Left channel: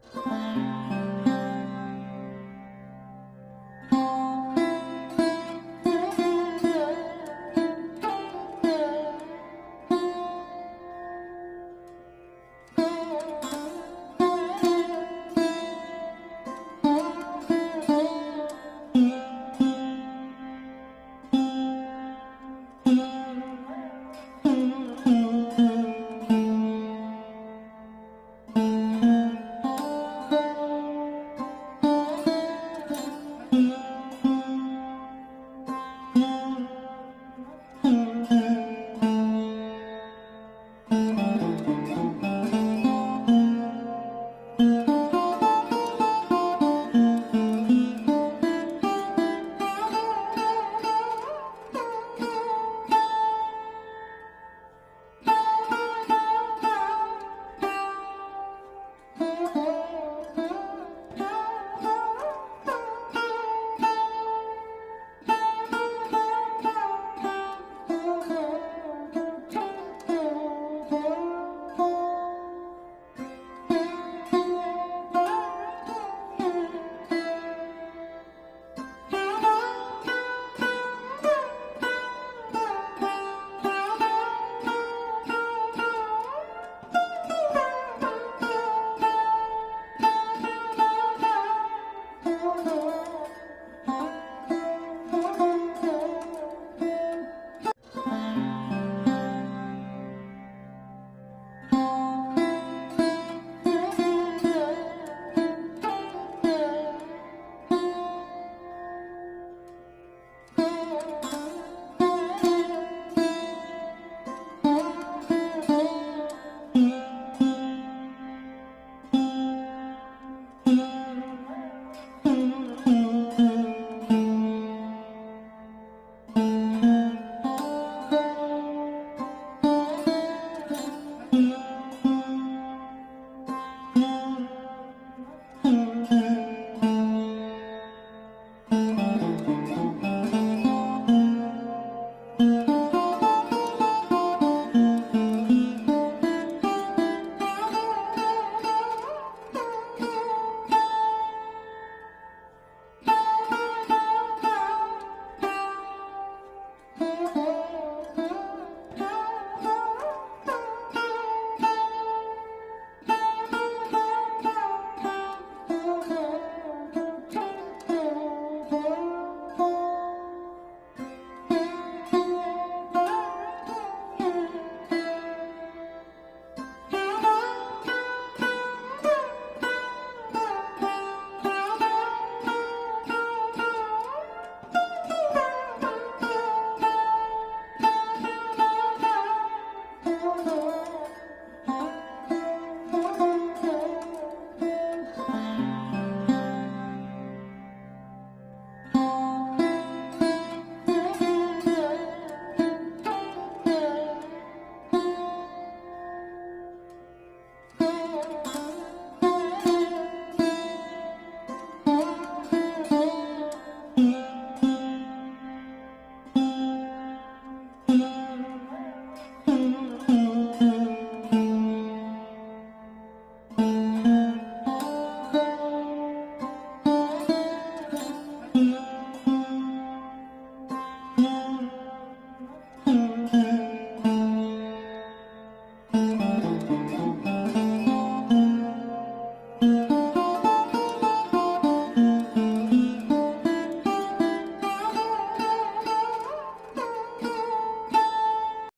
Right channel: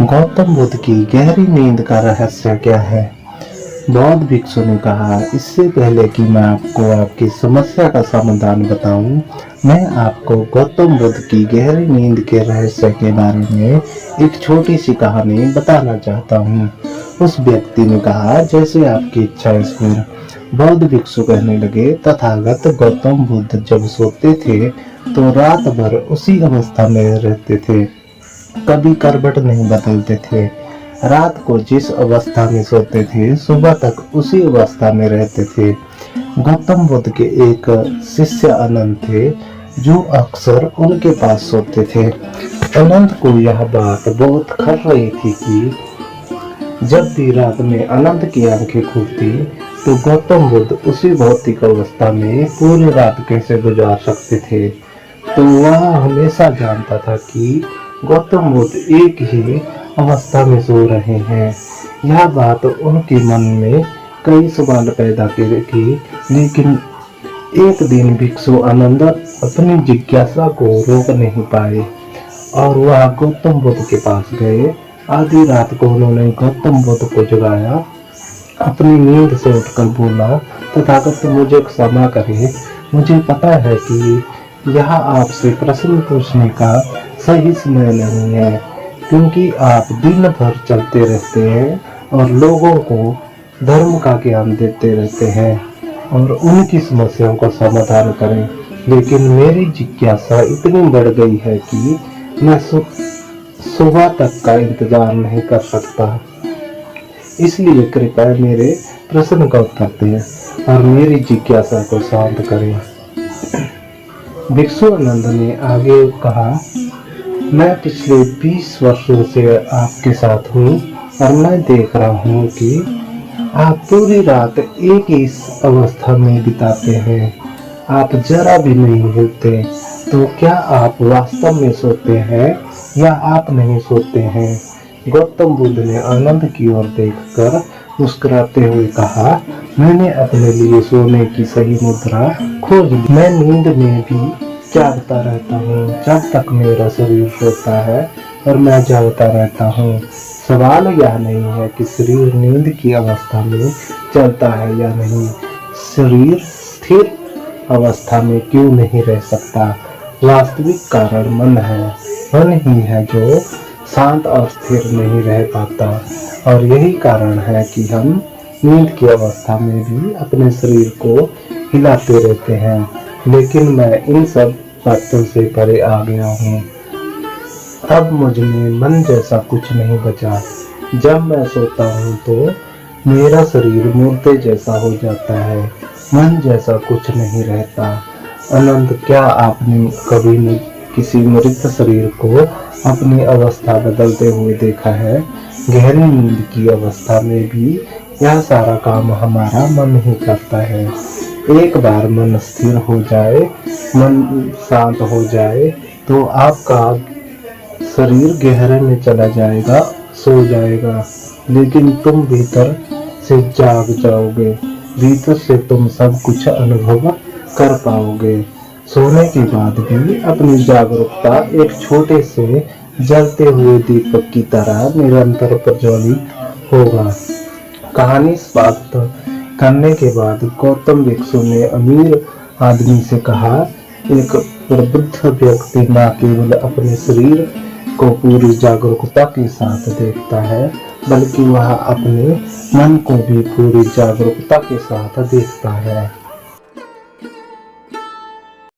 गौतम बुद्ध की गहरी नींद का रहस्य क्या है? बौद्ध भिक्षु ने कहा, इससे पहले कि मैं आपको आपकी समस्या का समाधान बताऊं, मैं आपको गौतम बुद्ध की गहरी नींद के रहस्य के बारे में एक छोटी सी कहानी बताना चाहता हूं। उस व्यक्ति ने कहा, जैसे आपकी इच्छा ईश्वर। बौद्ध भिक्षु कहने लगे, तथागत गौतम बुद्ध जब सोते थे तो रात भर उसी अवस्था में रहते थे, कभी करवट नहीं बदलते थे। रात को जिस अवस्था में सोते थे, सुबह तक उसी अवस्था में रहते थे। गौतम बुद्ध के एक शिष्य अनंत थे, जो अक्सर उनके पास सोते थे। अनंत को यह बात बहुत खल रही थी कि जब भी रात में अनंत की आंखें खुलती तो गौतम बुद्ध उसी भौतिक अवस्था में पूरी रात कैसे गुजार सकते थे। तो वह हमेशा जानता था कि गौतम बुद्ध एक ही अवस्था में सो रहे हैं। यह बात उनके मन में कई सवाल पैदा की, लेकिन एक दिन भिक्षु आनंद अपनी जिज्ञासा को रोक नहीं पाए और वह गौतम बुद्ध के पास गए। आधी रात को उन्होंने गौतम बुद्ध को जगाया, अपनी नींद से उठकर बोला, तथागत मुझे क्षमा करें, मुझे पता है कि यह आपसे प्रश्न पूछने का सही समय नहीं है, क्योंकि आप दिन भर चलते रहते हैं और लोगों को धर्म का ज्ञान देते रहते हैं और उनकी समस्याओं का समाधान करें। लेकिन मेरी जिज्ञासा इतनी बढ़ गई है कि मैं सुबह तक का इंतजार नहीं कर सकता, इसलिए कृपया मेरे प्रश्न का उत्तर दें और मेरी जिज्ञासा को शांत करें। भिक्षु आनंद ने आगे कहा, मैं पिछले 20 वर्षों से आपके साथ हूँ और मैं देख रहा हूँ कि आप पूरी रात एक ही अवस्था में बिताते हैं। आप जरा भी नहीं हिलते। तो क्या आप वास्तव में सोते हैं या आप नहीं सोते हैं? गौतम बुद्ध ने आनंद की ओर देखकर मुस्कुराते हुए कहा, मैंने अपने लिए सोने की सही मुद्रा खोज ली। मैं नींद में भी जागता रहता हूँ जब तक मेरा शरीर सोता है और मैं जागता रहता हूँ। सवाल यह नहीं है कि शरीर नींद की अवस्था में चलता है या नहीं, शरीर स्थिर अवस्था में क्यों नहीं रह सकता। वास्तविक कारण मन है। मन ही है जो शांत और स्थिर नहीं रह पाता, और यही कारण है कि हम नींद की अवस्था में भी अपने शरीर को हिलाते रहते हैं। लेकिन मैं इन सब बातों से परे आ गया हूँ। अब मुझ में मन जैसा कुछ नहीं बचा। जब मैं सोता हूँ तो मेरा शरीर मुर्दे जैसा हो जाता है, मन जैसा कुछ नहीं रहता। अनंत, क्या आपने कभी किसी मृत शरीर को अपनी अवस्था बदलते हुए देखा है? गहरी नींद की अवस्था में भी यह सारा काम हमारा मन ही करता है। एक बार मन स्थिर हो जाए, मन शांत हो जाए तो आपका शरीर गहरे में चला जाएगा, सो जाएगा, लेकिन तुम भीतर से जाग जाओगे। भीतर से तुम सब कुछ अनुभव कर पाओगे। सोने के बाद भी अपनी जागरूकता एक छोटे से जलते हुए दीपक की तरह निरंतर प्रज्वलित होगा। कहानी समाप्त करने के बाद गौतम भिक्षु ने अमीर आदमी से कहा, एक प्रबुद्ध व्यक्ति न केवल अपने शरीर को पूरी जागरूकता के साथ देखता है, बल्कि वह अपने मन को भी पूरी जागरूकता के साथ देखता है।